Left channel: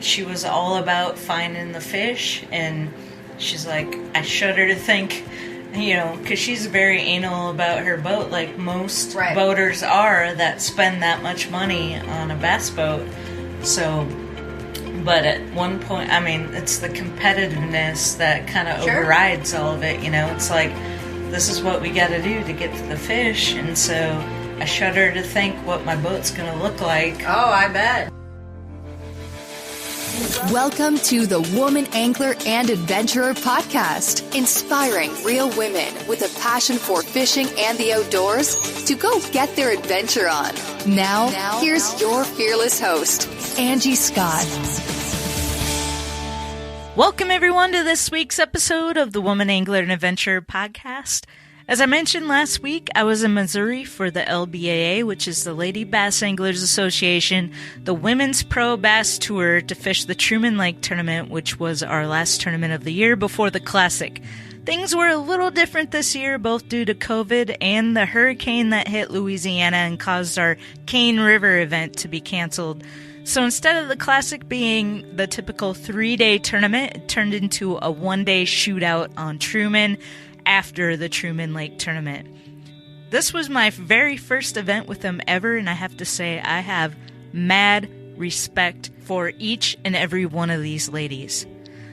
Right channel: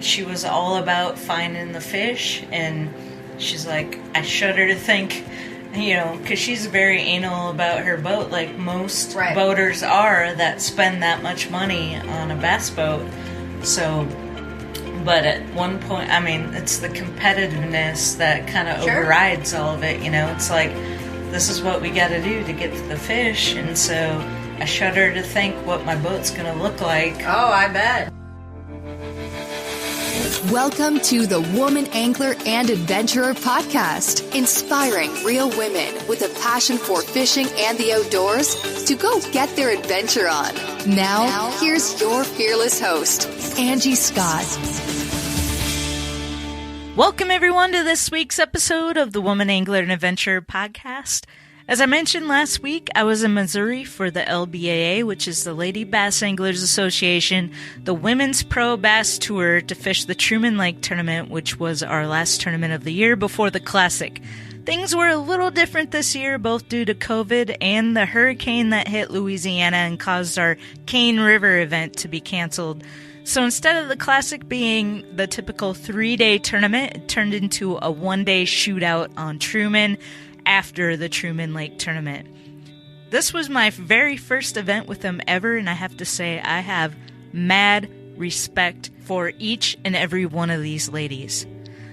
she was all about finding the fish, and she's like, I shudder to think, because she's very anal about her boat, like most boaters are that spend that much money on a bass boat. So, but at one point, it's the competitiveness that kind of overrides all of it, It's like, this is what we got to do to get to the fish, and so I shudder to think what my boat's going to look like. Oh, I bet. Welcome to the Woman Angler and Adventurer podcast, inspiring real women with a passion for fishing and the outdoors to go get their adventure on. Now, here's your fearless host, Angie Scott. Welcome, everyone, to this week's episode of the Woman Angler and Adventurer podcast. As I mentioned last week, I was in Missouri for the LBAA, which is the Lady Bass Anglers Association, the Women's Pro Bass Tour, to fish the Truman Lake Tournament, which was our last tournament of the year before the Classic. Things were a little different this year, both due to COVID and the hurricane that hit Louisiana and caused our Cane River event to be canceled. So instead of the Classic being the typical 3-day tournament, it turned into a 1-day shootout on Truman after the Truman Lake Tournament. This was my very first event with them ever, and I have to say I have mad respect for each and every one of these ladies.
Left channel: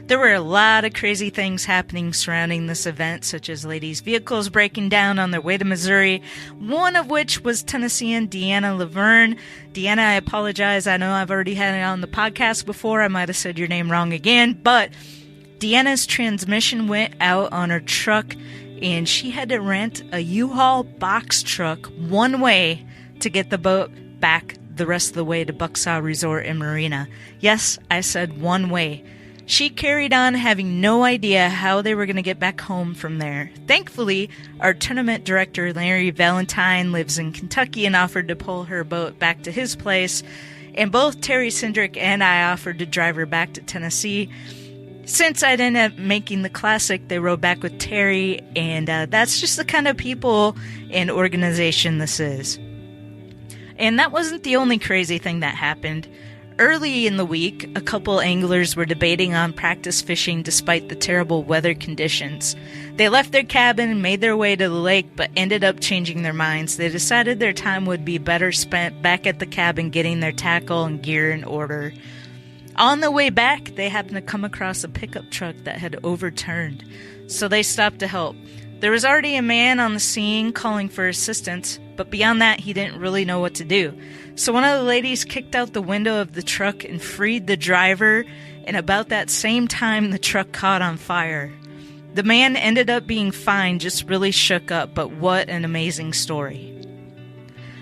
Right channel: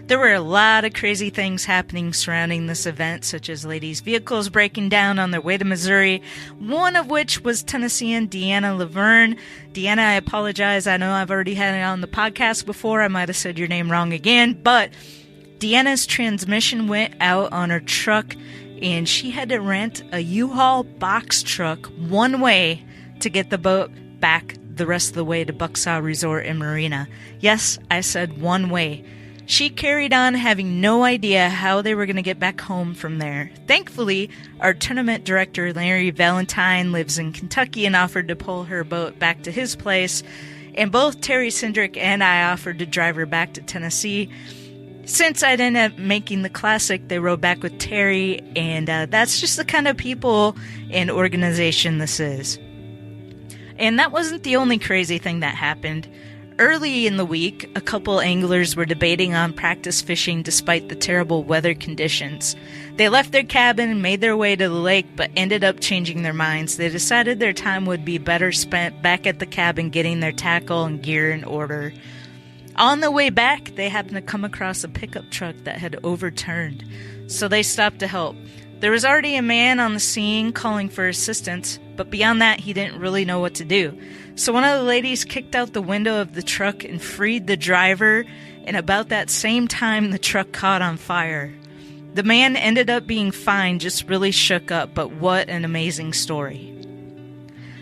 There were a lot of crazy things happening surrounding this event, such as ladies' vehicles breaking down on their way to Missouri, one of which was Tennessean Deanna Laverne. Deanna, I apologize. I know I've already had it on the podcast before. I might have said your name wrong again, but Deanna's transmission went out on her truck, and she had to rent a U-Haul box truck one way to get the boat back the rest of the way to Bucksaw Resort and Marina. Yes, I said one way. She carried on having no idea how they were going to get back home from there. Thankfully, our tournament director, Larry Valentine, lives in Kentucky and offered to pull her boat back to his place, and both Terry Sindrick and I offered to drive her back to Tennessee. Since I ended up making the Classic, they rode back with Terry, and that's just the kind of people and organization this is. And that wasn't the only crazy thing that happened. Early in the week, a couple anglers were debating on practice fishing despite the terrible weather conditions. They left their cabin and made their way to the lake, but ended up changing their minds. They decided their time would be better spent back at the cabin getting their tackle and gear in order. On the way back, they happened to come across a pickup truck that had overturned, so they stopped to help. There was already a man on the scene calling for assistance, but beyond that, he didn't really know what to do. So one of the ladies kicked out the window of the truck and freed the driver, and about that same time, the truck caught on fire. The man ended up being fine, just really shook up, but what an amazing story.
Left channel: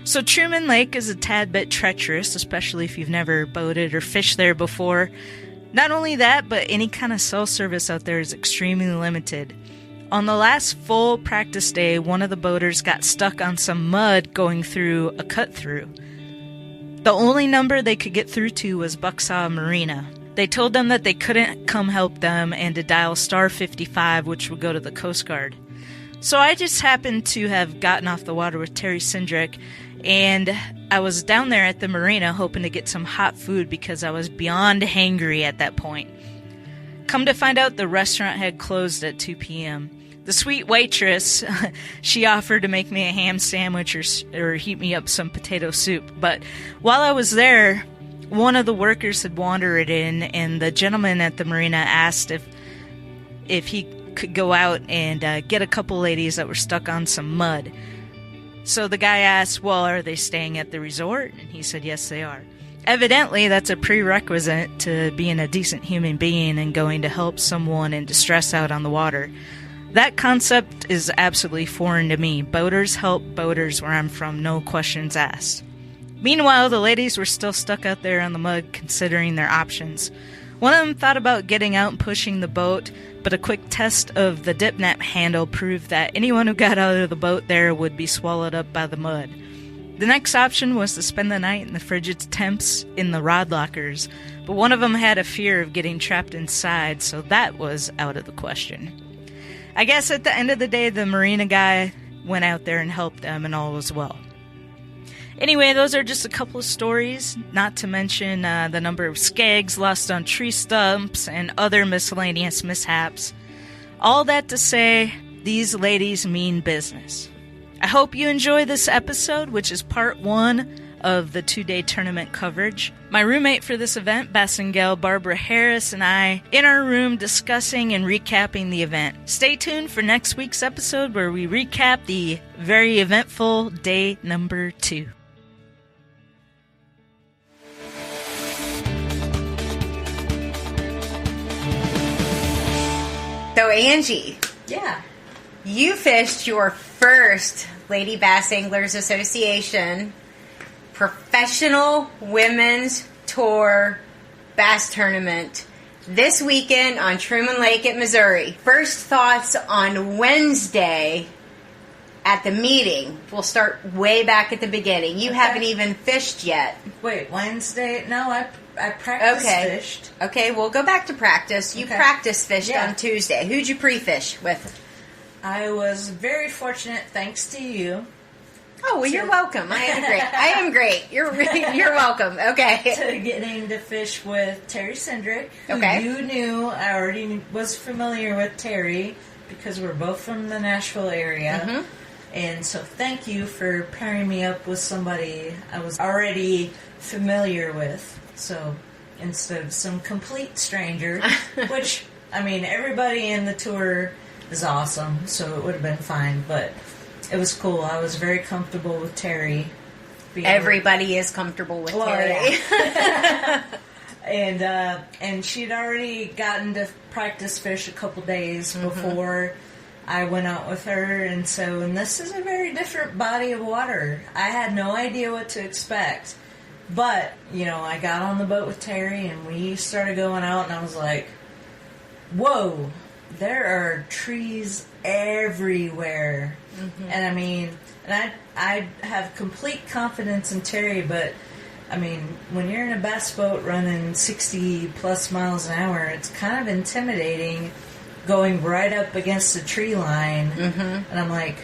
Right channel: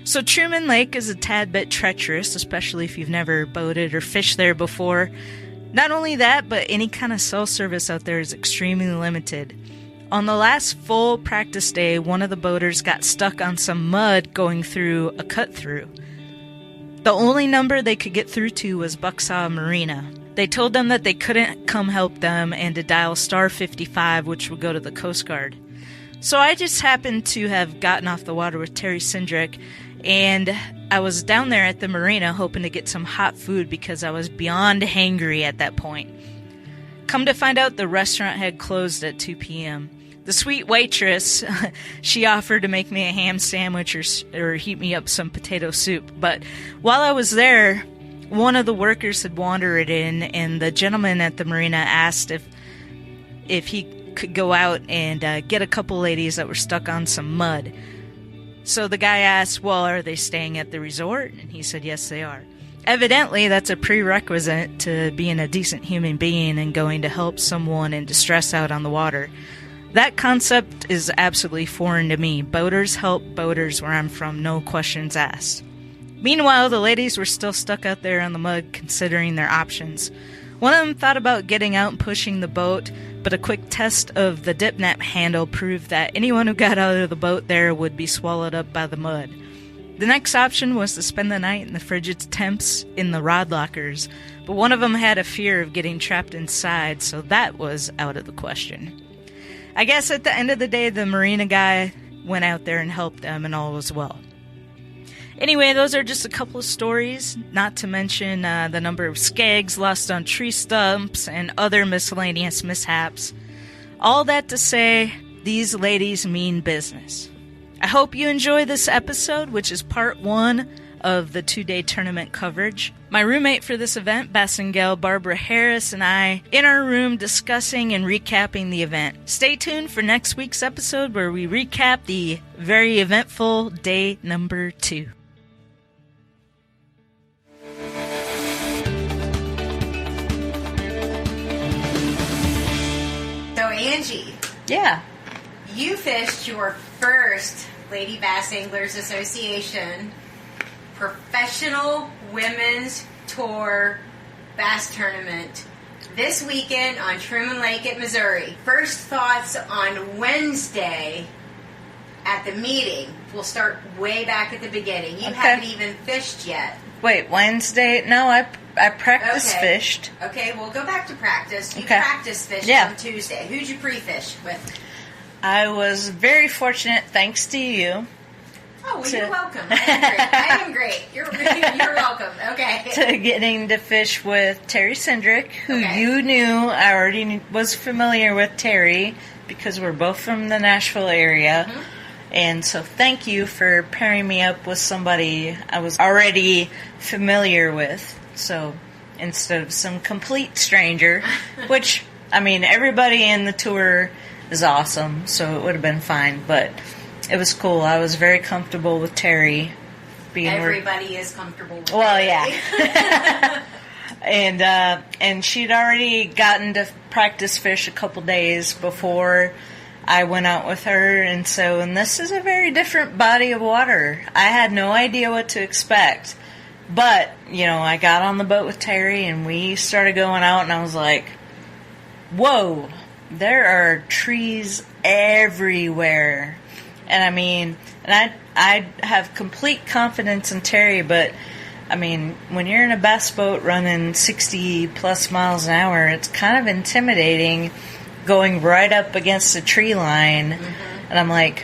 So Truman Lake is a tad bit treacherous, especially if you've never boated or fished there before. Not only that, but any kind of cell service out there is extremely limited. On the last full practice day, one of the boaters got stuck on some mud going through a cut-through. The only number they could get through to was Bucksaw Marina. They told them that they couldn't come help them and to dial star 55, which would go to the Coast Guard. So I just happened to have gotten off the water with Terry Sindrick, and I was down there at the marina hoping to get some hot food because I was beyond hangry at that point. Come to find out, the restaurant had closed at 2 p.m. The sweet waitress, she offered to make me a ham sandwich or heat me up some potato soup. But while I was there, one of the workers had wandered in, and the gentleman at the marina asked if he could go out and get a couple ladies that were stuck on some mud. So the guy asked, well, are they staying at the resort? And he said, yes, they are. Evidently, that's a prerequisite to being a decent human being and going to help someone in distress out on the water. That concept is absolutely foreign to me. Boaters help boaters where I'm from, no questions asked. Meanwhile, the ladies were still stuck out there on the mud considering their options. One of them thought about getting out and pushing the boat, but a quick test of the dip net handle proved that anyone who got out of the boat there would be swallowed up by the mud. The next option was to spend the night in the frigid temps in the rod lockers, but one of them had a fear of getting trapped inside, so that was out of the question. I guess at the end of the day, the marina guy went out there and helped them, and all was well. Anyway, those are just a couple of stories, not to mention the number of skags lost on tree stumps and other miscellaneous mishaps. All that to say, these ladies mean business. I hope you enjoy this episode, which is part 1 of the 2-day tournament coverage. My roommate for this event, Bassengale Barbara Harris, and I in our room discussing and recapping the event. Stay tuned for next week's episode where we recap the very eventful day number 2. So Angie, Yeah. you fished your first Lady Bass Anglers Association Professional Women's Tour Bass Tournament this weekend on Truman Lake at Missouri. First thoughts on Wednesday at the meeting. We'll start way back at the beginning. You haven't even fished yet. Wait, Wednesday? No, I practice fished. Okay, we'll go back to practice. You practice fished on Tuesday. Who'd you pre-fish with? I was very fortunate, thanks to you. Oh, well, you're welcome. I am great. I am great. You're welcome. Okay. To getting to fish with Terry Cindric, who you knew. I already was familiar with Terry because we're both from the Nashville area. Mm-hmm. And so thank you for pairing me up with somebody I was already familiar with. So instead of some complete stranger, which, I mean, everybody in the tour is awesome, so it would have been fine, but it was cool. I was very comfortable with Terry. Everybody is comfortable with Terry. Yeah. And she'd already gotten to practice fish a couple days before I went out with her, and this is a very different body of water. I had no idea what to expect. But, I got on the boat with Terry, and we started going out, and I was like, whoa, there are trees everywhere. Mm-hmm. And I have complete confidence in Terry, but, when you're in a bass boat running 60 plus miles an hour, it's kind of intimidating going right up against a tree line. Mm-hmm. And I'm like,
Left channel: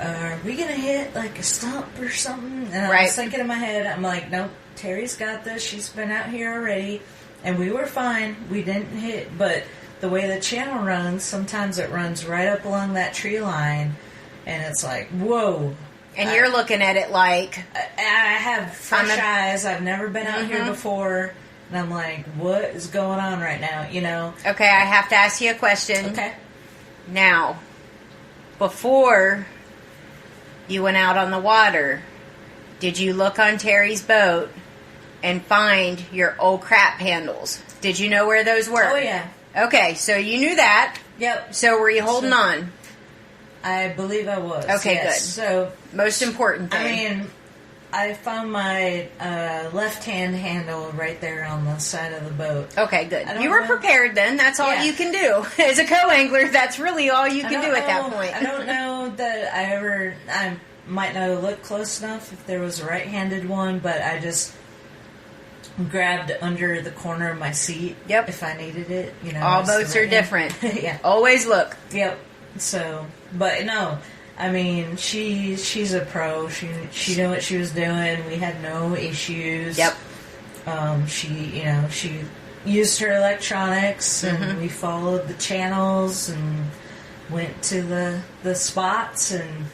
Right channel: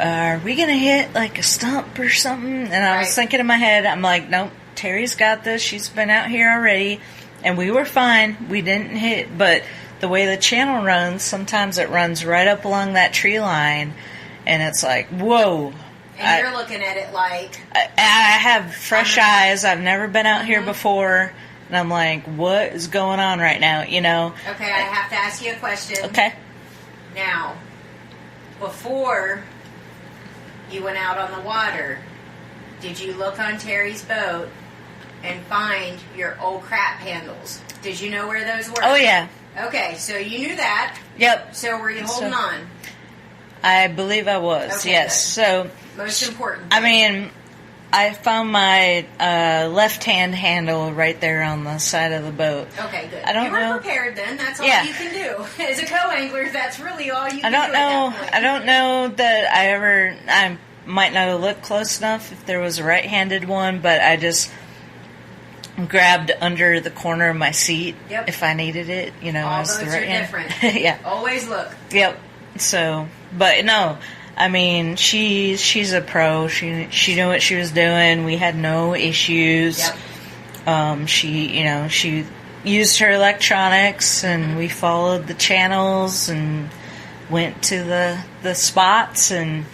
are we going to hit like a stump or something? And I was thinking in my head, I'm like, nope, Terry's got this. She's been out here already. And we were fine. We didn't hit. But the way the channel runs, sometimes it runs right up along that tree line. And it's like, whoa. And you're looking at it like... I have fresh eyes. I've never been out here before. And I'm like, what is going on right now, Okay, I have to ask you a question. Okay. Now, before you went out on the water, did you look on Terry's boat and find your old crap handles? Did you know where those were? Oh, yeah. Okay, so you knew that. Yep. So were you holding on? I believe I was. Okay, yes. good. So, most important thing. I found my left-hand handle right there on the side of the boat. Okay, good. You were prepared then. That's all you can do. As a co-angler, that's really all you can do at that point. I don't know that I might not have looked close enough if there was a right-handed one, but I just grabbed under the corner of my seat if I needed it. All boats are different. Yeah. Always look. Yep. So, but no... she's a pro. She knew what she was doing. We had no issues. Yep. She used her electronics, and we followed the channels and went to the spots. And,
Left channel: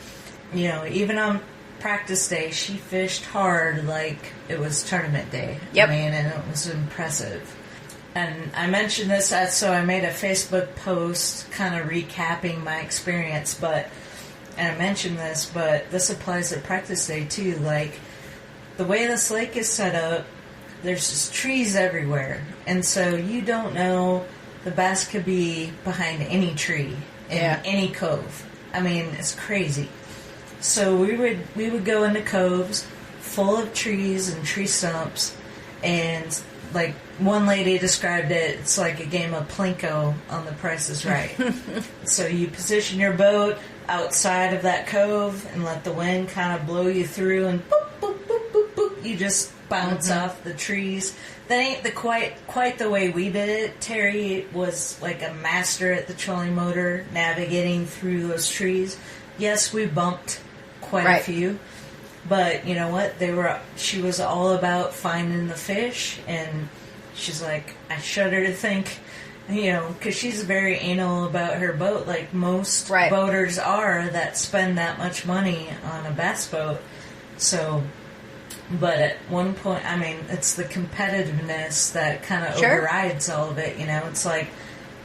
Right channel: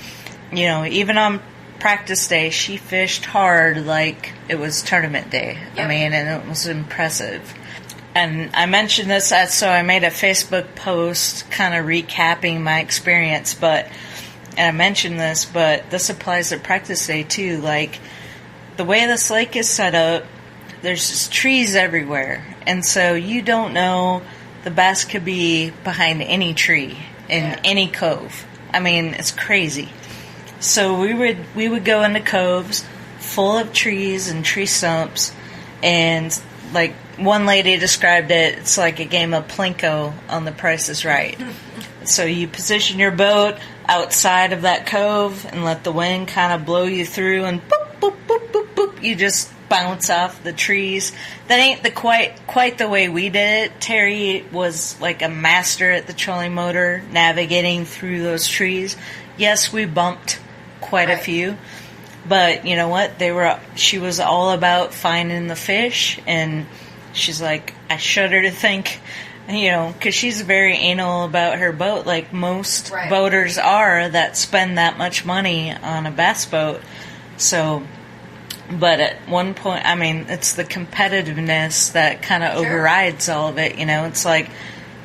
even on practice day, she fished hard like it was tournament day. Yep. And it was impressive. And I mentioned this, so I made a Facebook post kind of recapping my experience, and I mentioned this, but this applies to practice day too. Like, the way this lake is set up, there's just trees everywhere. And so you don't know, the bass could be behind any tree in any cove. It's crazy. So we would go into coves full of trees and tree stumps, and like one lady described it, it's like a game of Plinko on The Price is Right. So you position your boat outside of that cove and let the wind kind of blow you through, and boop, boop, boop, boop, boop, you just bounce off the trees. That ain't quite the way we did it. Terry was like a master at the trolling motor, navigating through those trees. Yes, we bumped quite a few, But you know what? She was all about finding the fish, and she's like, I shudder to think, you know, because she's very anal about her boat, like most boaters are that spend that much money on a bass boat. So, but at one point, I mean, it's the competitiveness that kind of overrides all of it, you know? It's like,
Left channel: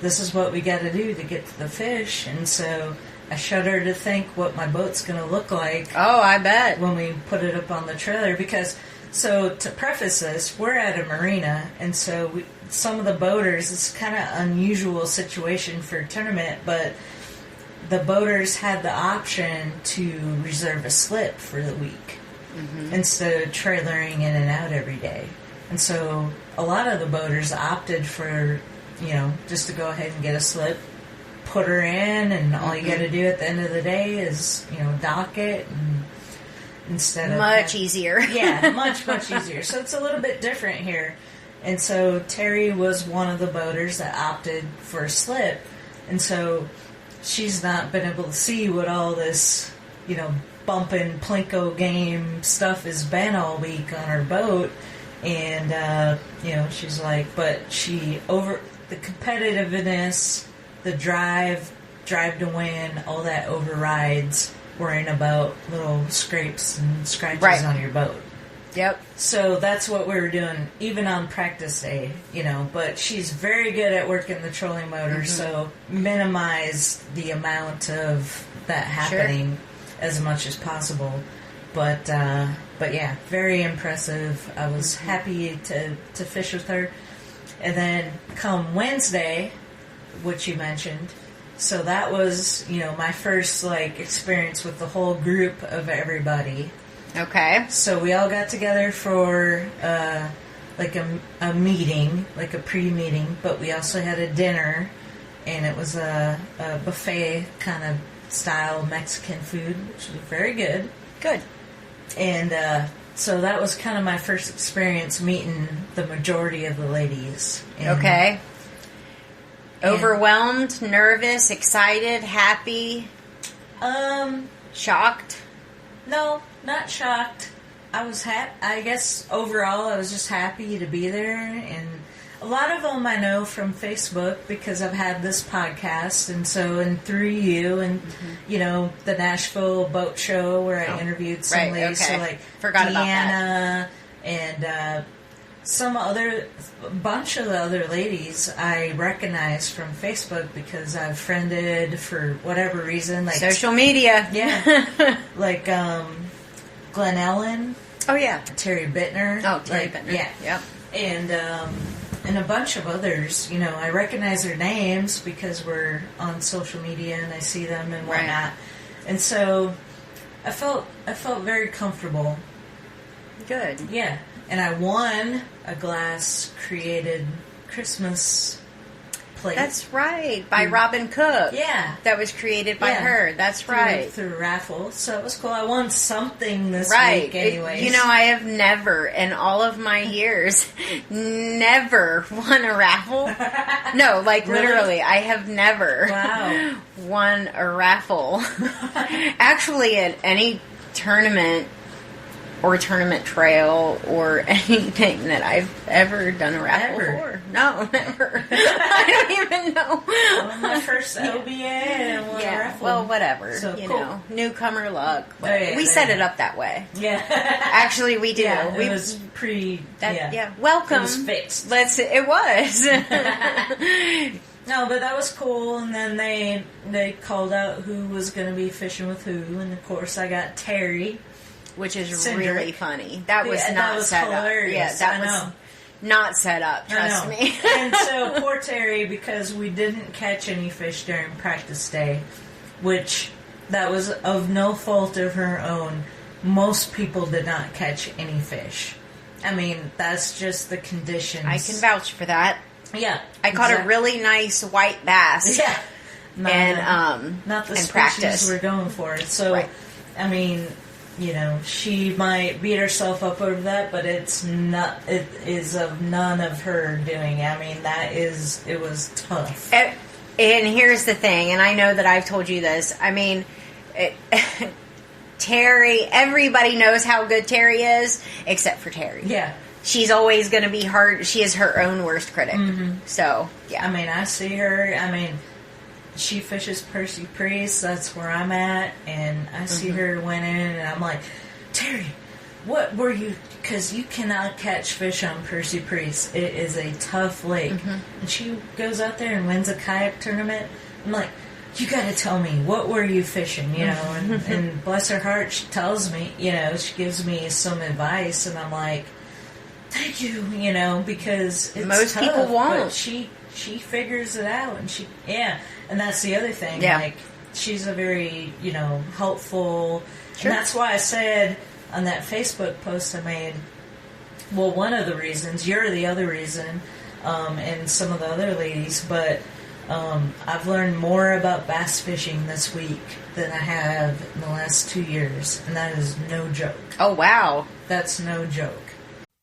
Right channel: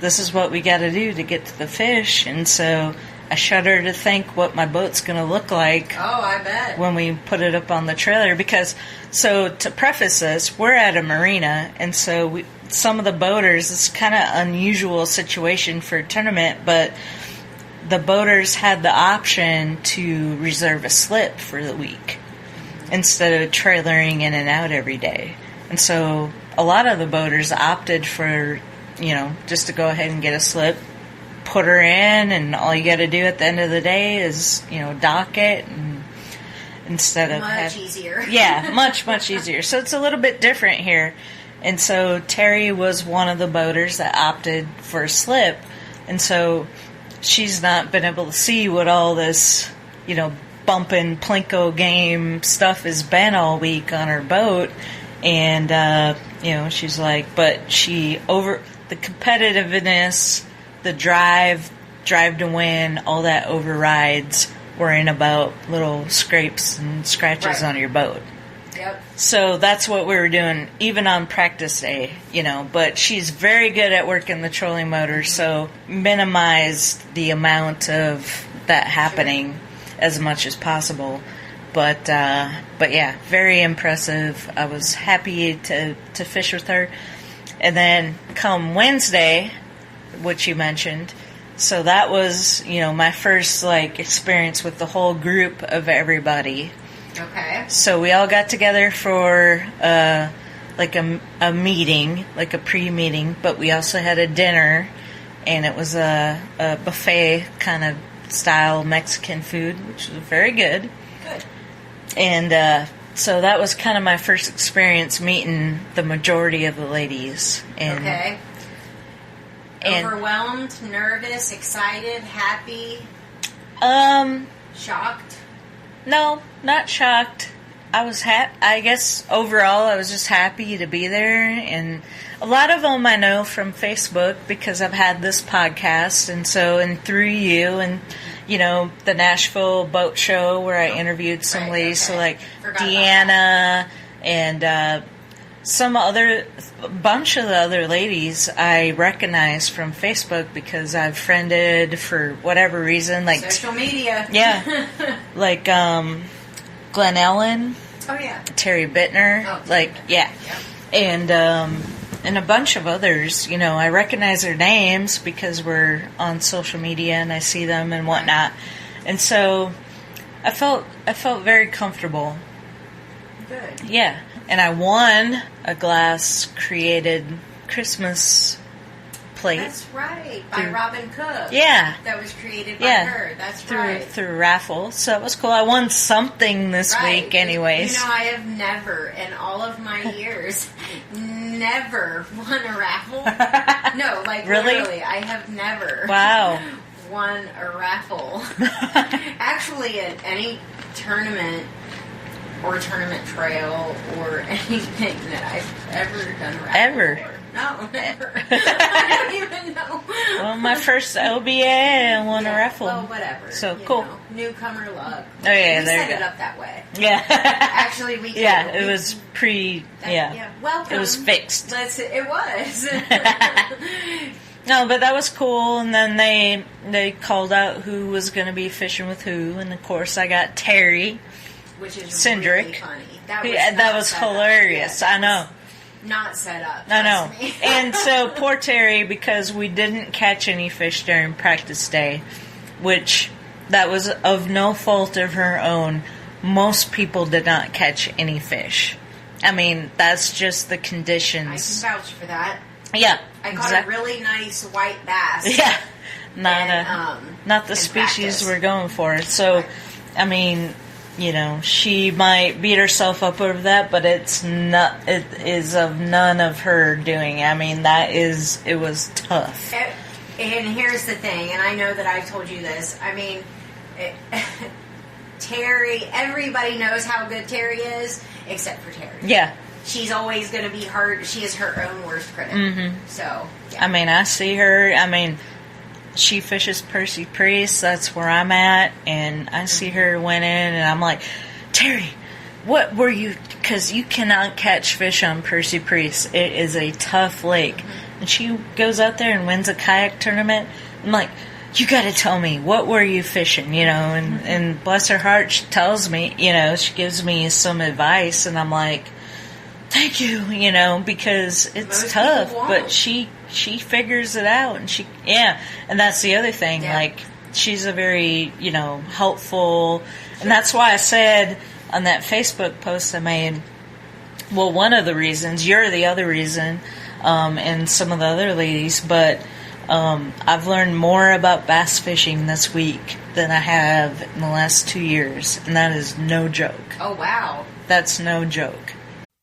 this is what we got to do to get to the fish, and so I shudder to think what my boat's going to look like. Oh, I bet. When we put it up on the trailer. Because, so to preface this, we're at a marina, and so some of the boaters, it's kind of unusual situation for a tournament, but the boaters had the option to reserve a slip for the week instead of trailering in and out every day. And so a lot of the boaters opted for, you know, just to go ahead and get a slip, put her in, and all you got to do at the end of the day is, you know, dock it, and instead of much easier. Yeah, much easier. So it's a little bit different here. And so Terry was one of the boaters that opted for a slip, and so she's not been able to see what all this, you know, bumping Plinko game stuff has been all week on her boat. And you know, she's like, but the competitiveness, the drive to win, all that overrides worrying about little scrapes and scratches on your boat. Yep. So that's what we were doing, even on practice day, you know. But she's very good at working the trolling motor, so minimize the amount of that happening as much as possible. But yeah, very impressive. I was happy to fish with her. And then come Wednesday, which you mentioned, so that was, you know, my first, like, experience with the whole group of everybody. Okay. So we all got together for, like, a meeting, like a pre-meeting, but we also had a dinner, and it was a buffet kind of style Mexican food, which was very good. Good. And so that was kind of my first experience meeting the majority of the ladies. And, okay. Overwhelmed, nervous, excited, happy? Shocked? No, not shocked. I was I guess overall I was just happy to be there, and a lot of them I know from Facebook because I've had this podcast, and so through you and you know the Nashville Boat Show where I interviewed some ladies, so like Deanna and bunch of the other ladies I recognize from Facebook because I've friended for whatever reason, like social media. Yeah, like Glenn Ellen. Oh yeah, Terry Bittner. Oh, Terry Bittner. Yeah. And a bunch of others. You know, I recognize their names because we're on social media and I see them and whatnot. And so I felt very comfortable. Good. Yeah. And I won a glass created Christmas plate. That's right, by Robin Cook. Yeah. That was created by her. That's right. Through a raffle. So it was cool. I won something this week anyways. You know, I have never, in all of my years, never won a raffle. No, like really? Literally, I have never won a raffle. Actually, at any tournament or tournament trail or anything that I've ever done a raffle for. No, never. I don't even know. Well, my first LBA, I won a raffle. Well, whatever. So you cool. know, newcomer luck. Oh, yeah, we set it up that way. Yeah. Actually, we did. Yeah, it was welcome. It was fixed. It was. No, but that was cool. And then they called out who was going to be fishing with who, and of course I got Terry. Which is Cindric. really funny. That was that was hilarious. Yeah, I know. Not set up. Trust me. And so poor Terry, because we didn't catch any fish during practice day, which that was of no fault of her own. Most people did not catch any fish. I mean, that's just the conditions. I can vouch for that. Yeah, I caught a really nice white bass. Yeah, not the species practice. we're going for. So, I mean, you know, she might beat herself up over that, but it is of none of her doing. I mean, it was tough. And here's the thing, and I know that I've told you this. I mean, Terry, everybody knows how good Terry is, except for Terry. Yeah. She's always going to be hard. She is her own worst critic. Mm-hmm. So, yeah. I mean, I see her. I mean, she fishes Percy Priest. That's where I'm at. And I see her winning, and I'm like, Terry, what were you... Because you cannot catch fish on Percy Priest. It is a tough lake. And she goes out there and wins a kayak tournament. I'm like, you got to tell me, what were you fishing, you know? And bless her heart, she tells me, you know, she gives me some advice, and I'm like, thank you, you know, because it's Most tough, people won't. but she figures it out, and and that's the other thing, like, she's a very, you know, helpful, and that's why I said on that Facebook post I made, well, one of the reasons, you're the other reason, and some of the other ladies, but I've learned more about bass fishing this week than I have in the last 2 years, and that is no joke. Oh, wow. That's no joke.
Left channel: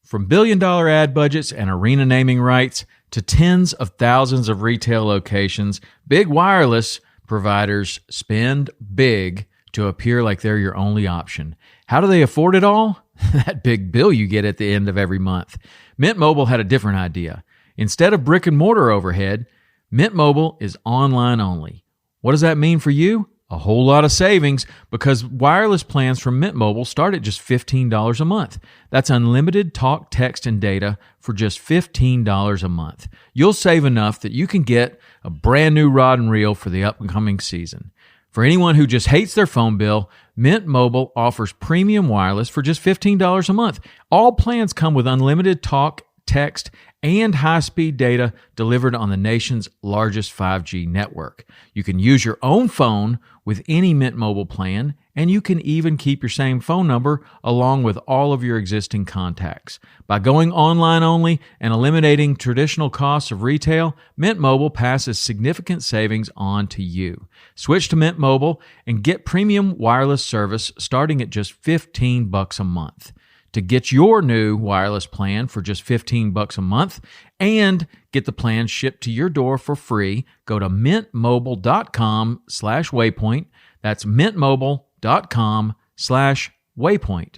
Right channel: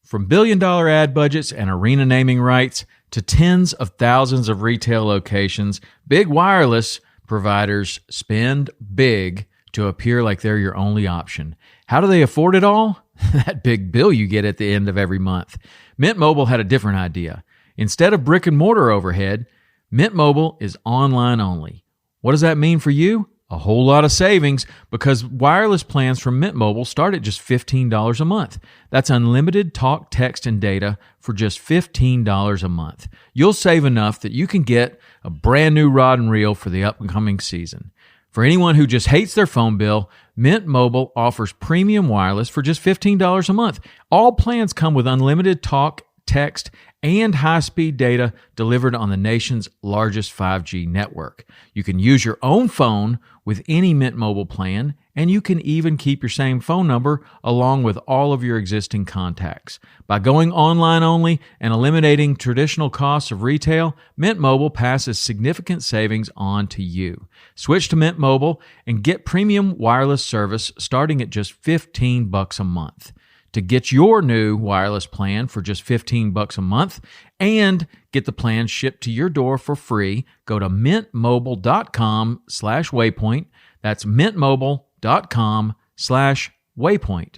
From billion-dollar ad budgets and arena naming rights to tens of thousands of retail locations, big wireless providers spend big to appear like they're your only option. How do they afford it all? That big bill you get at the end of every month. Mint Mobile had a different idea. Instead of brick and mortar overhead, Mint Mobile is online only. What does that mean for you? A whole lot of savings, because wireless plans from Mint Mobile start at just $15 a month. That's unlimited talk, text, and data for just $15 a month. You'll save enough that you can get a brand new rod and reel for the upcoming season. For anyone who just hates their phone bill, Mint Mobile offers premium wireless for just $15 a month. All plans come with unlimited talk, text, and high-speed data delivered on the nation's largest 5G network. You can use your own phone with any Mint Mobile plan, and you can even keep your same phone number along with all of your existing contacts. By going online only and eliminating traditional costs of retail, Mint Mobile passes significant savings on to you. Switch to Mint Mobile and get premium wireless service starting at just $15 a month. To get your new wireless plan for just $15 a month and get the plan shipped to your door for free, go to mintmobile.com/waypoint. That's mintmobile.com/waypoint.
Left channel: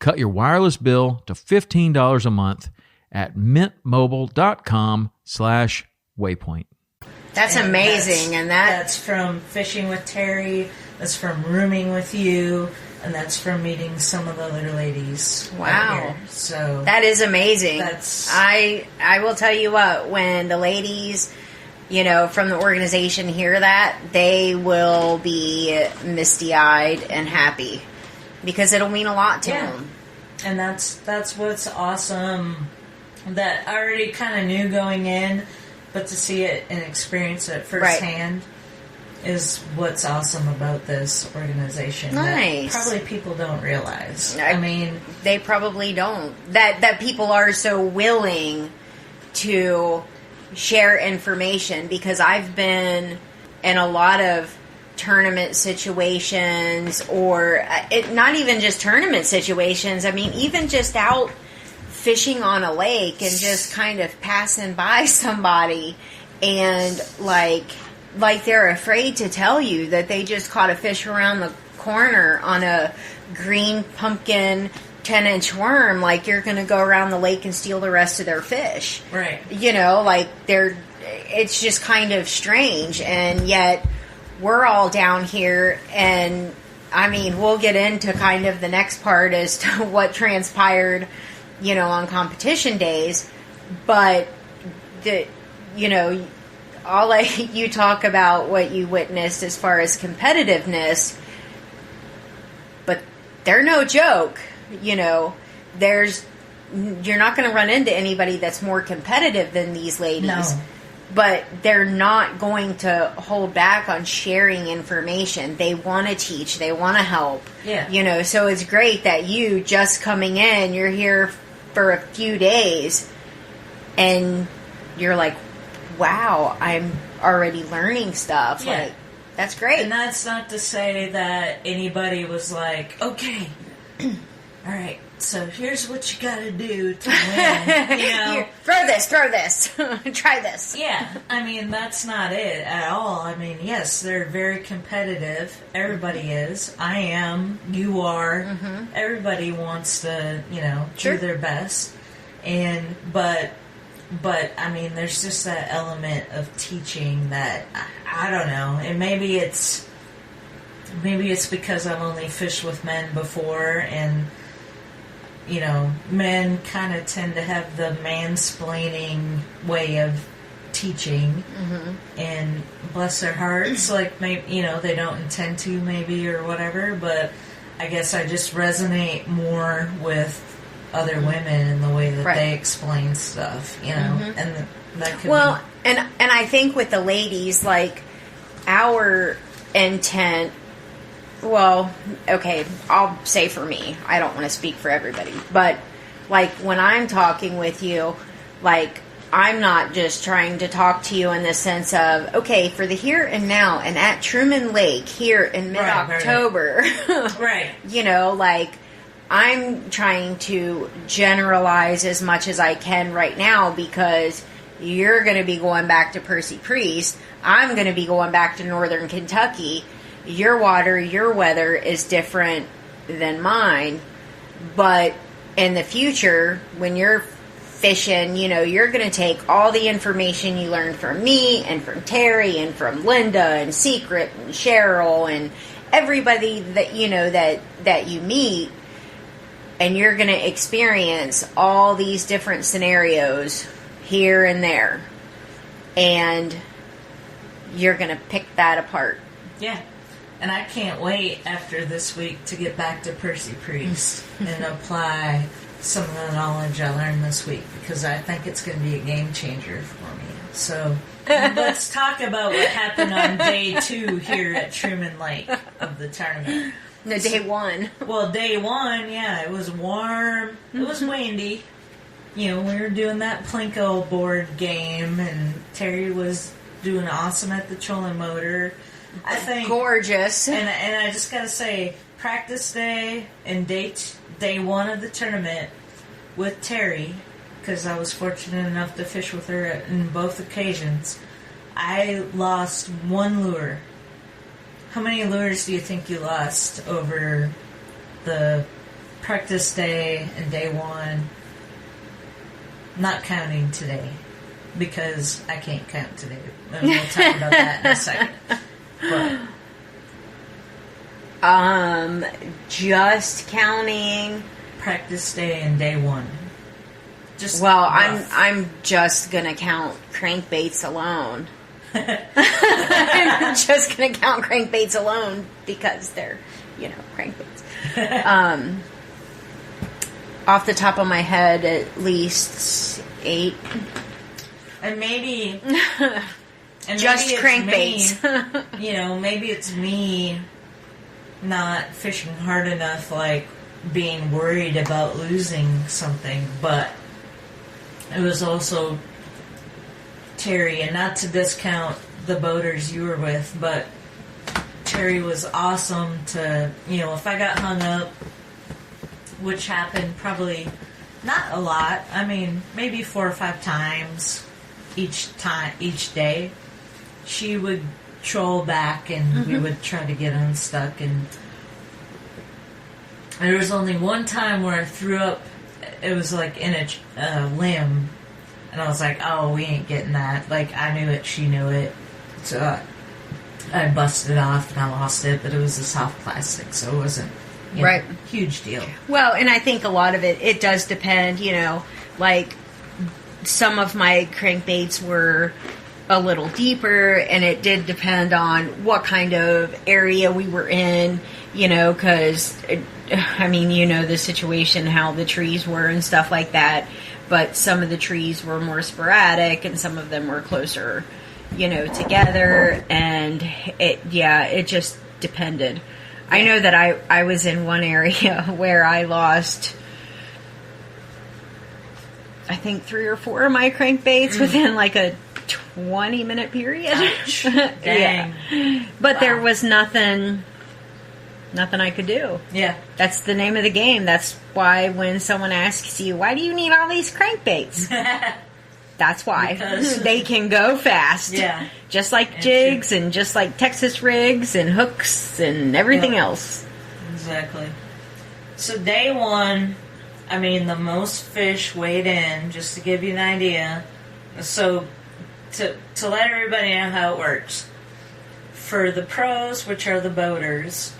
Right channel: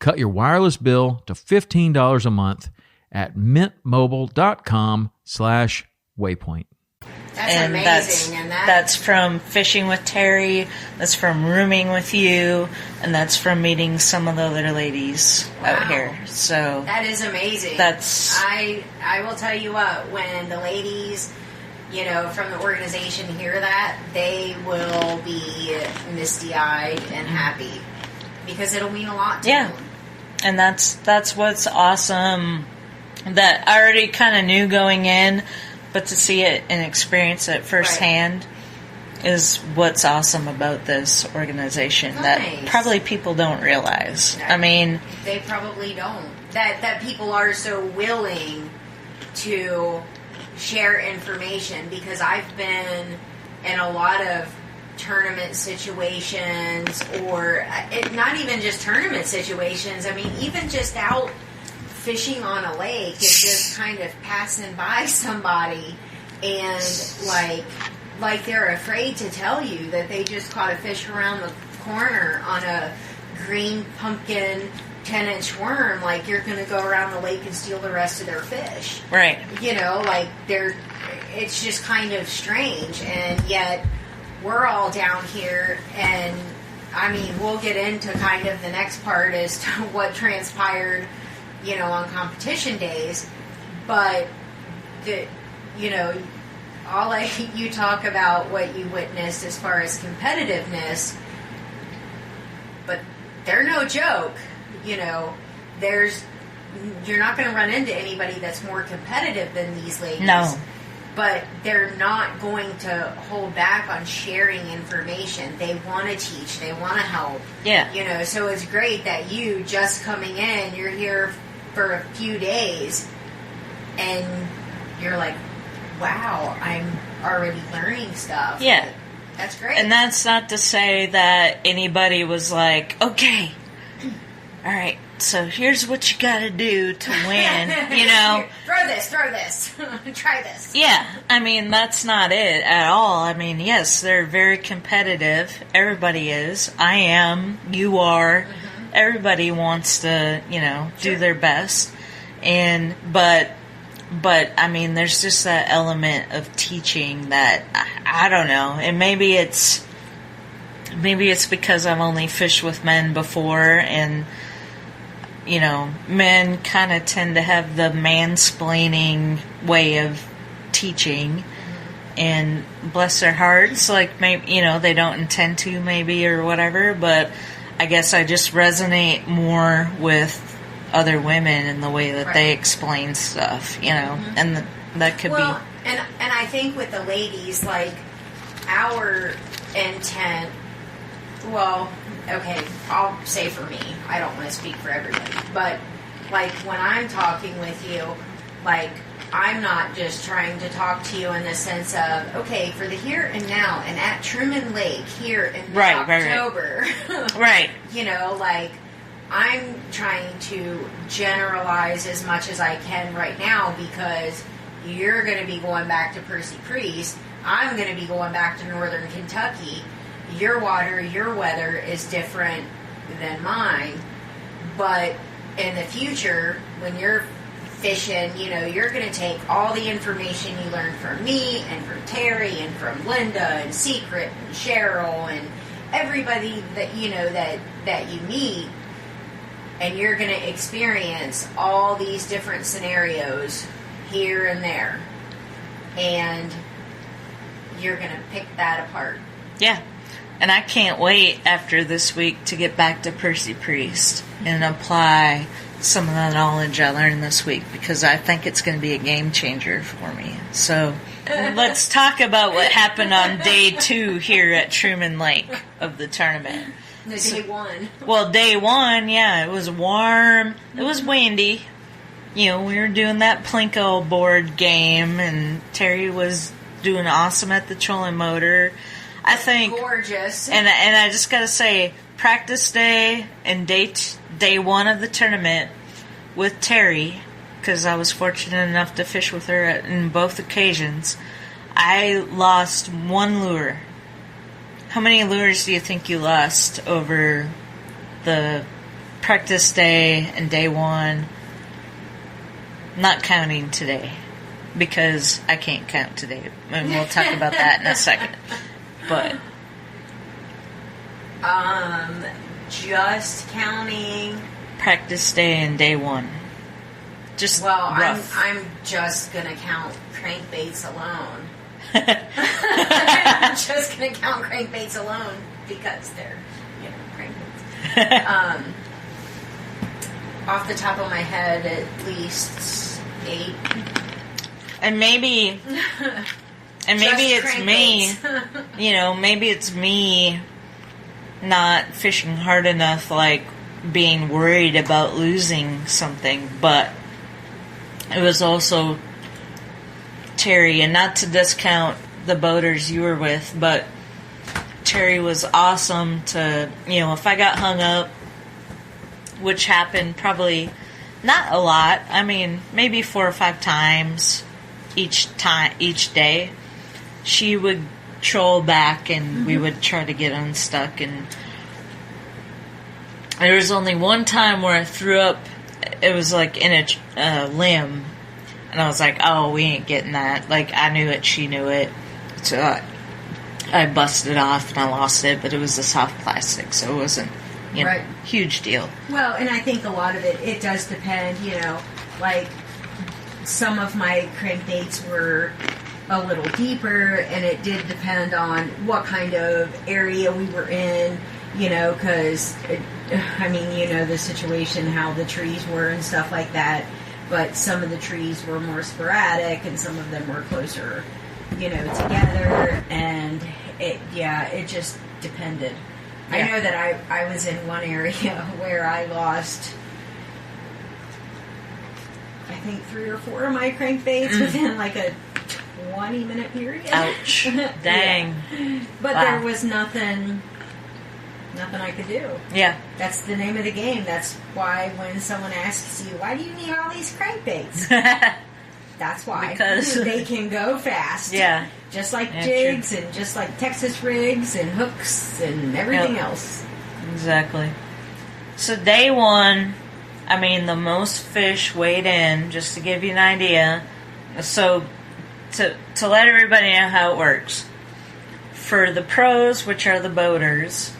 Cut your wireless bill to $15 a month at mintmobile.com/waypoint. That's And amazing. that's from fishing with Terry, that's from rooming with you, and that's from meeting some of the other ladies out here. So that is amazing. I will tell you what, when the ladies, you know, from the organization hear that, they will be misty-eyed and happy, because it'll mean a lot to them. And that's what's awesome, that I already kind of knew going in, but to see it and experience it firsthand is what's awesome about this organization. Nice. That probably people don't realize. I mean, they probably don't. That people are so willing to share information, because I've been in a lot of tournament situations, or not even just tournament situations. I mean, even just out fishing on a lake and just kind of passing by somebody, and like they're afraid to tell you that they just caught a fish around the corner on a green pumpkin 10-inch worm, like you're going to go around the lake and steal the rest of their fish. Right. You know, like it's just kind of strange, and yet we're all down here, and I mean, we'll get into kind of the next part as to what transpired, you know, on competition days, but you know, you talk about what you witnessed as far as competitiveness, but they're no joke. You know, you're not going to run into anybody that's more competitive than these ladies. No. But they're not going to hold back on sharing information. They want to teach. They want to help. Yeah. You know, so it's great that you just coming in, you're here for a few days, and you're like, wow, I'm already learning stuff. Yeah. Like, that's great. And that's not to say that anybody was like, okay, all right, so here's what you gotta do to win, you know. Here, throw this, try this. Yeah, I mean, that's not it at all. I mean, yes, they're very competitive. Everybody is. I am. You are. Mm-hmm. Everybody wants to, you know, do their best. But I mean, there's just that element of teaching that, I don't know. And maybe it's because I've only fished with men before, and, you know, men kind of tend to have the mansplaining way of teaching. Mm-hmm. And bless their hearts, like, maybe, you know, they don't intend to, maybe, or whatever, but I guess I just resonate more with other women in the way that they explain stuff, you know, and that could be... and I think with the ladies, like, our intent, well, okay, I'll say for me, I don't want to speak for everybody, but, like, when I'm talking with you, like, I'm not just trying to talk to you in the sense of, okay, for the here and now, and at Truman Lake here in mid-October, right. You know, like, I'm trying to generalize as much as I can right now, because you're going to be going back to Percy Priest. I'm going to be going back to Northern Kentucky. Your water, your weather is different than mine. But in the future, when you're fishing, you know, you're going to take all the information you learned from me and from Terry and from Linda and Secret and Cheryl and everybody that, you know, that you meet, and you're going to experience all these different scenarios here and there. And you're going to pick that apart. Yeah. And I can't wait after this week to get back to Percy Priest and apply some of the knowledge I learned this week, because I think it's going to be a game changer for me. So let's talk about what happened on day 2 here at Truman Lake of the tournament. No, day 1. Well, day 1, yeah, it was warm. It was windy. You know, we were doing that Plinko board game, and Terry was doing awesome at the trolling motor. I think gorgeous. And I just gotta say, practice day and day 1 of the tournament with Terry, because I was fortunate enough to fish with her in both occasions, I lost 1 lure. How many lures do you think you lost over the practice day and day 1? Not counting today, because I can't count today. And we'll talk about that in a second. But just counting practice day and day 1. Just well, rough. I'm just gonna count crankbaits alone. I'm just gonna count crankbaits alone because they're, you know, crankbaits. Off the top of my head, at least 8. And maybe just it's crankbaits. me. You know, maybe it's me not fishing hard enough, like being worried about losing something, but it was also Terry, and not to discount the boaters you were with, but Terry was awesome to, you know, if I got hung up, which happened probably not a lot, I mean, maybe 4 or 5 times each day, she would troll back and we would try to get unstuck. And there was only one time where I threw up, it was like in a limb. And I was like, oh, we ain't getting that. Like, I knew it, she knew it. So I busted off and I lost it, but it was a soft plastic, so it wasn't, you know, huge deal. Well, and I think a lot of it does depend, you know, like some of my crankbaits were a little deeper, and it did depend on what kind of area we were in, you know, because, I mean, you know the situation, how the trees were and stuff like that. But some of the trees were more sporadic, and some of them were closer, you know, together. And it just depended. Yeah. I know that I was in one area where I lost, I think 3 or 4 of my crankbaits within like a 20-minute period. Ouch. Dang. Yeah. But there was nothing Nothing I could do. Yeah. That's the name of the game. That's why when someone asks you, why do you need all these crankbaits? That's why. Because they can go fast. Yeah. Just like jigs and just like Texas rigs and hooks and everything else. Exactly. So day one, I mean, the most fish weighed in, just to give you an idea. So to let everybody know how it works. For the pros, which are the boaters,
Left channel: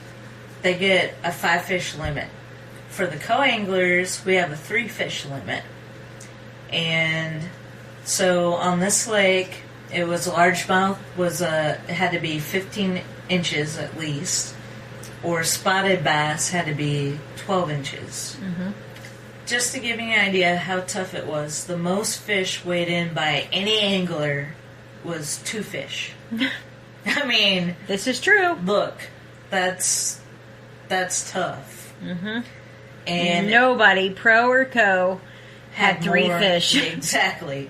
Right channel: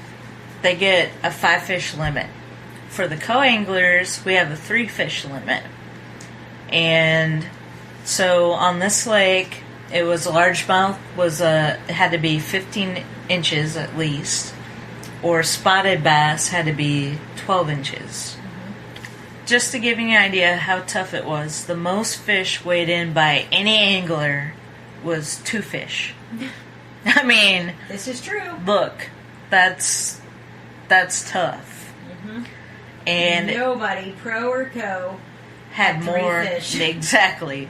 they get a 5-fish limit. For the co-anglers, we have a 3-fish limit. And so on this lake, it was a largemouth, it had to be 15 inches at least, or spotted bass had to be 12 inches. Just to give you an idea how tough it was, the most fish weighed in by any angler was 2 fish. I mean, this is true. Look, that's tough. And nobody, pro or co, had 3 fish. Exactly.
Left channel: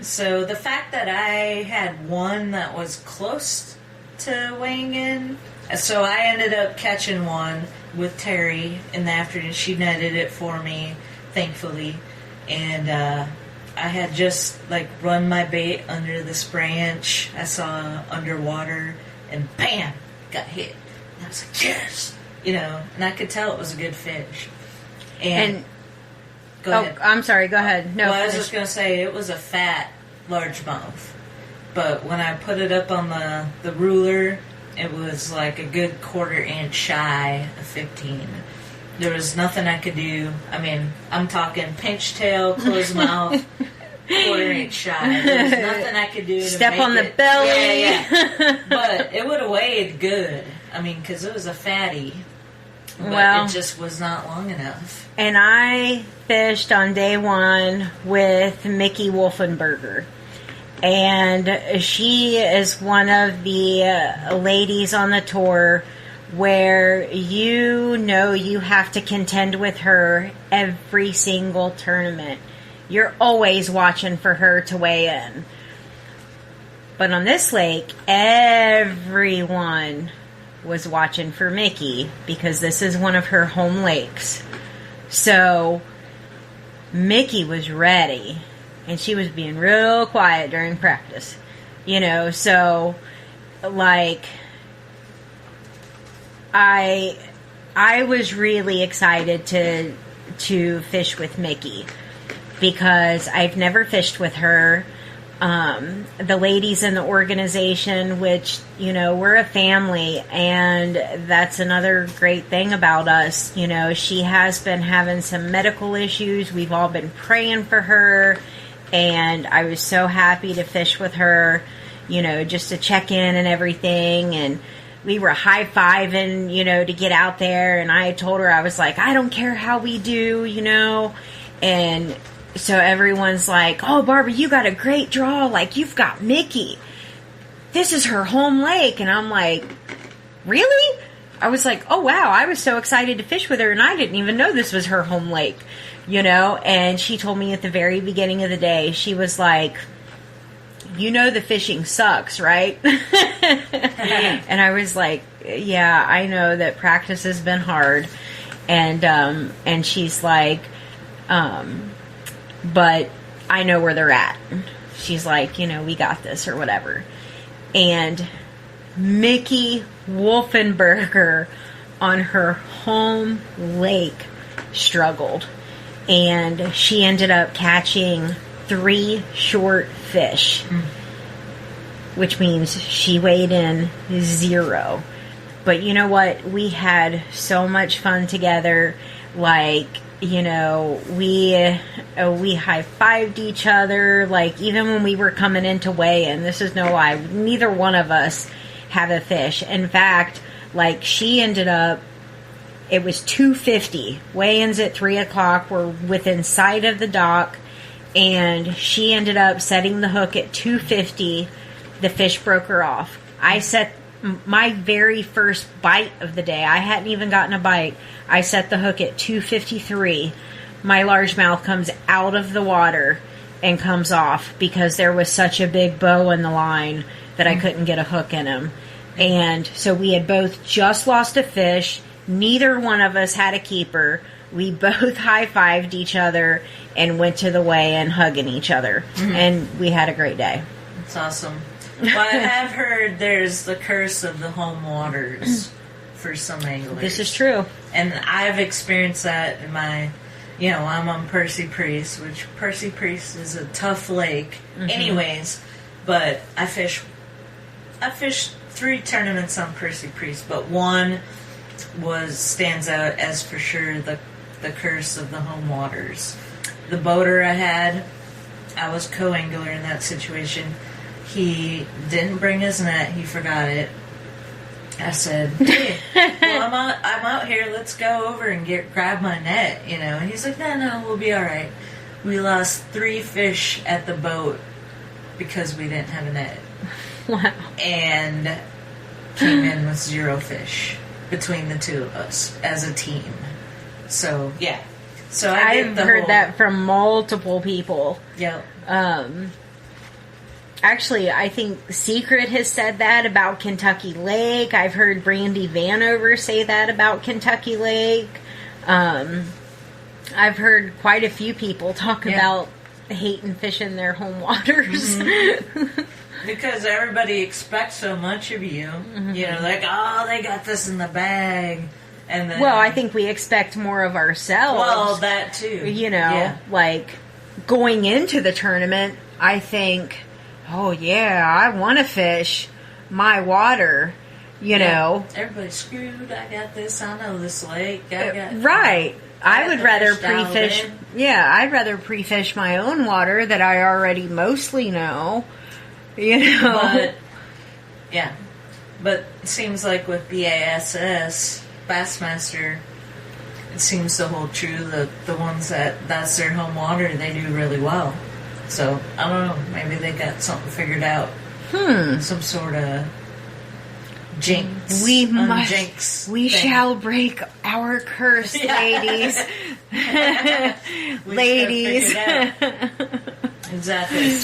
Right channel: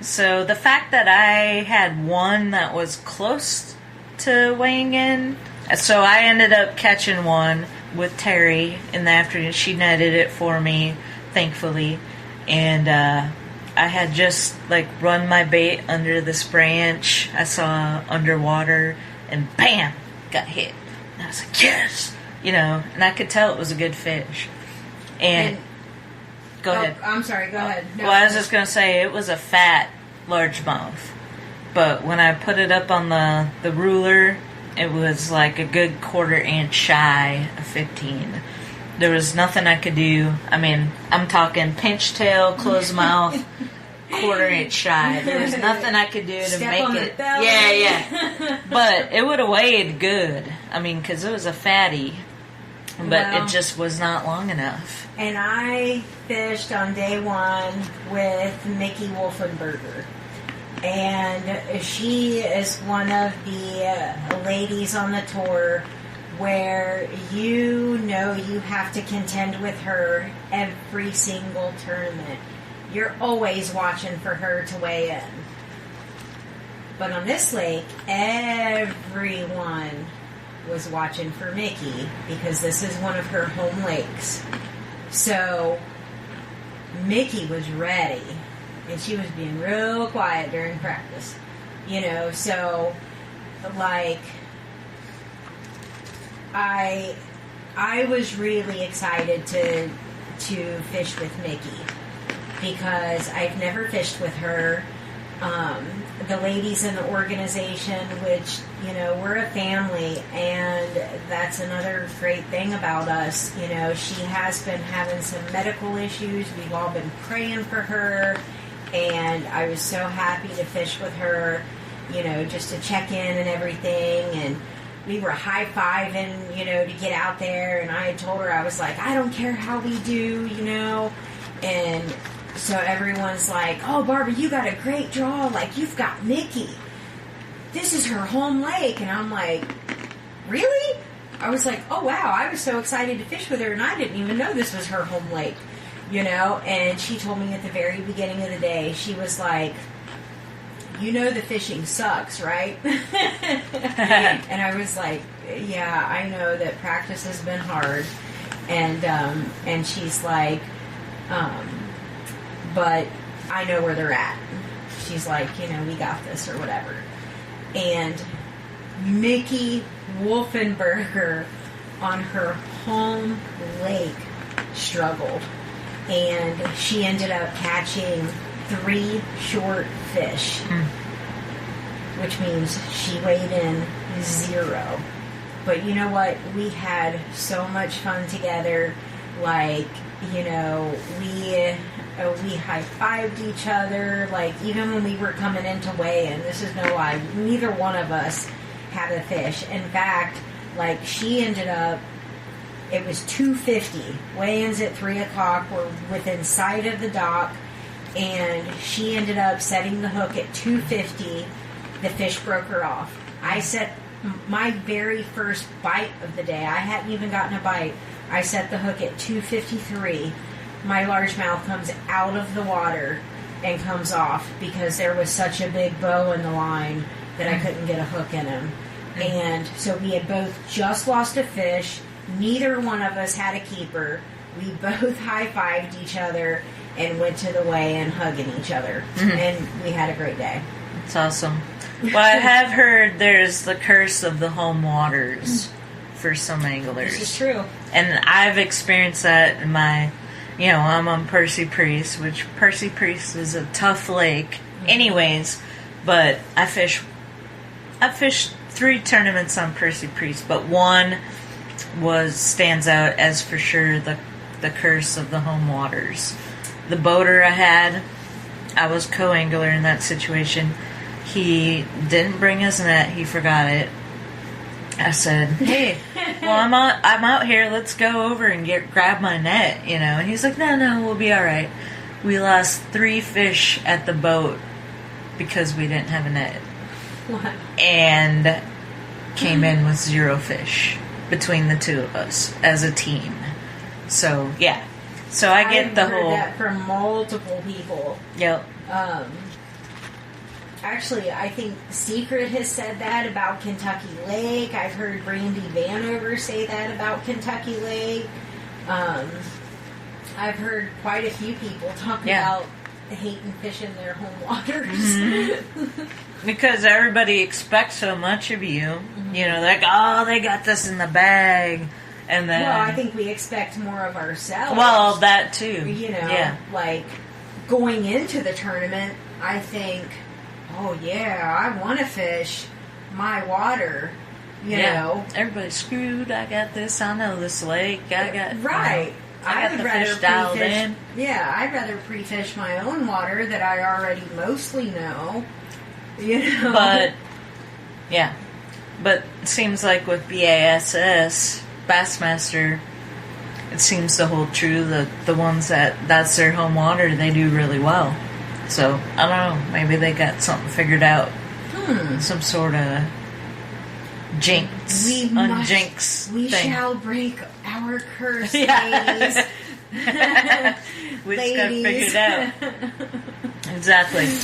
So the fact that I had one that was close to weighing in, so I ended up catching one with Terry in the afternoon. She netted it for me, thankfully, and I had just run my bait under this branch. I saw underwater, and bam, got hit. And I was like, yes, and I could tell it was a good fish. And go ahead. I'm sorry. Go ahead. No, well, I was just gonna say it was a fat largemouth, but when I put it up on the ruler, it was like a good 1/4 inch shy of 15. There was nothing I could do. I mean, I'm talking pinch tail, closed mouth, 1/4 inch shy. There was nothing I could do to step make on the it, belly. Yeah. But it would have weighed good. I mean, because it was a fatty, but it just was not long enough. And I fished on day one with Mickey Wolfenberger. And she is one of the ladies on the tour where you have to contend with her every single tournament. You're always watching for her to weigh in. But on this lake, everyone was watching for Mickey because this is one of her home lakes. So Mickey was ready. And she was being real quiet during practice. So, I was really excited to fish with Mickey. Because I've never fished with her. The ladies in the organization, which, we're a family. And that's another great thing about us. She has been having some medical issues. We've all been praying for her. And I was so happy to fish with her, just to check in and everything. And we were high-fiving, to get out there. And I had told her, I was like, I don't care how we do, And so everyone's like, oh, Barbara, you got a great draw. You've got Mickey. This is her home lake. And I'm like, really? I was like, oh, wow. I was so excited to fish with her. And I didn't even know this was her home lake. And she told me at the very beginning of the day, she was like, the fishing sucks, right? And I was like, yeah, I know that practice has been hard. And she's like, but I know where they're at. She's like, we got this or whatever. And Mickey Wolfenberger on her home lake struggled. And she ended up catching 3 short fish, which means she weighed in 0. But you know what? We had so much fun together. We high-fived each other. Even when we were coming into weigh-in, this is no lie, neither one of us had a fish. In fact, she ended up, it was 2:50. Weigh-ins at 3 o'clock. We're within sight of the dock. And she ended up setting the hook at 2:50. The fish broke her off. I set my very first bite of the day. I hadn't even gotten a bite. I set the hook at 2:53. My largemouth comes out of the water and comes off because there was such a big bow in the line that I couldn't get a hook in him. And so we had both just lost a fish. Neither one of us had a keeper. We both high-fived each other and went to the weigh-in hugging each other. And we had a great day. It's awesome. Well, I have heard there's the curse of the home waters for some anglers. This is true. And I've experienced that in my, I'm on Percy Priest, which Percy Priest is a tough lake anyways, but I fished 3 tournaments on Percy Priest, but one stands out as for sure the curse of the home waters. The boater I was co-angler in that situation. He didn't bring his net. He forgot it. I said, "Hey, well, I'm out here. Let's go over and grab my net, And he's like, "No, we'll be all right." We lost 3 fish at the boat because we didn't have a net. Wow. And came in with 0 fish between the 2 of us as a team. So yeah. So I've heard that from multiple people. Yep. Actually, I think Secret has said that about Kentucky Lake. I've heard Brandy Vanover say that about Kentucky Lake. I've heard quite a few people talk about hating fishing their home waters. Because everybody expects so much of you. Like, oh, they got this in the bag. And then, well, I think we expect more of ourselves. Well, that too. Like going into the tournament, I think, oh yeah, I want to fish my water, you know. Everybody's screwed. I got this. I know this lake. Right. I would rather pre-fish. Yeah, I'd rather pre-fish my own water that I already mostly know. But it seems like with BASS, Bassmaster, it seems to hold true that the ones that's their home water, they do really well. So, I don't know, maybe they got something figured out. Some sort of jinx. We thing. shall break our curse, ladies. Ladies. Exactly.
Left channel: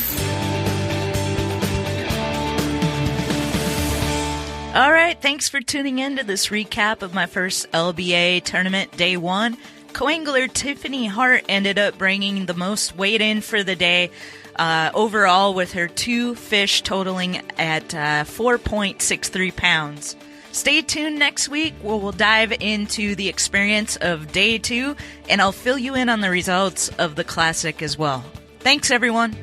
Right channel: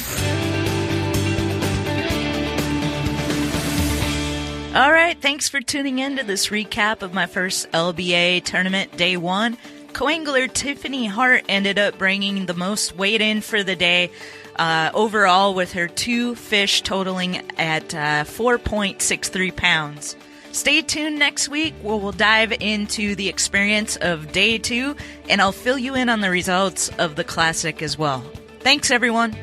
All right, thanks for tuning in to this recap of my first LBA tournament, day 1. Co-angler Tiffany Hart ended up bringing the most weight in for the day overall, with her 2 fish totaling at 4.63 pounds. Stay tuned next week where we'll dive into the experience of day 2, and I'll fill you in on the results of the classic as well. Thanks, everyone.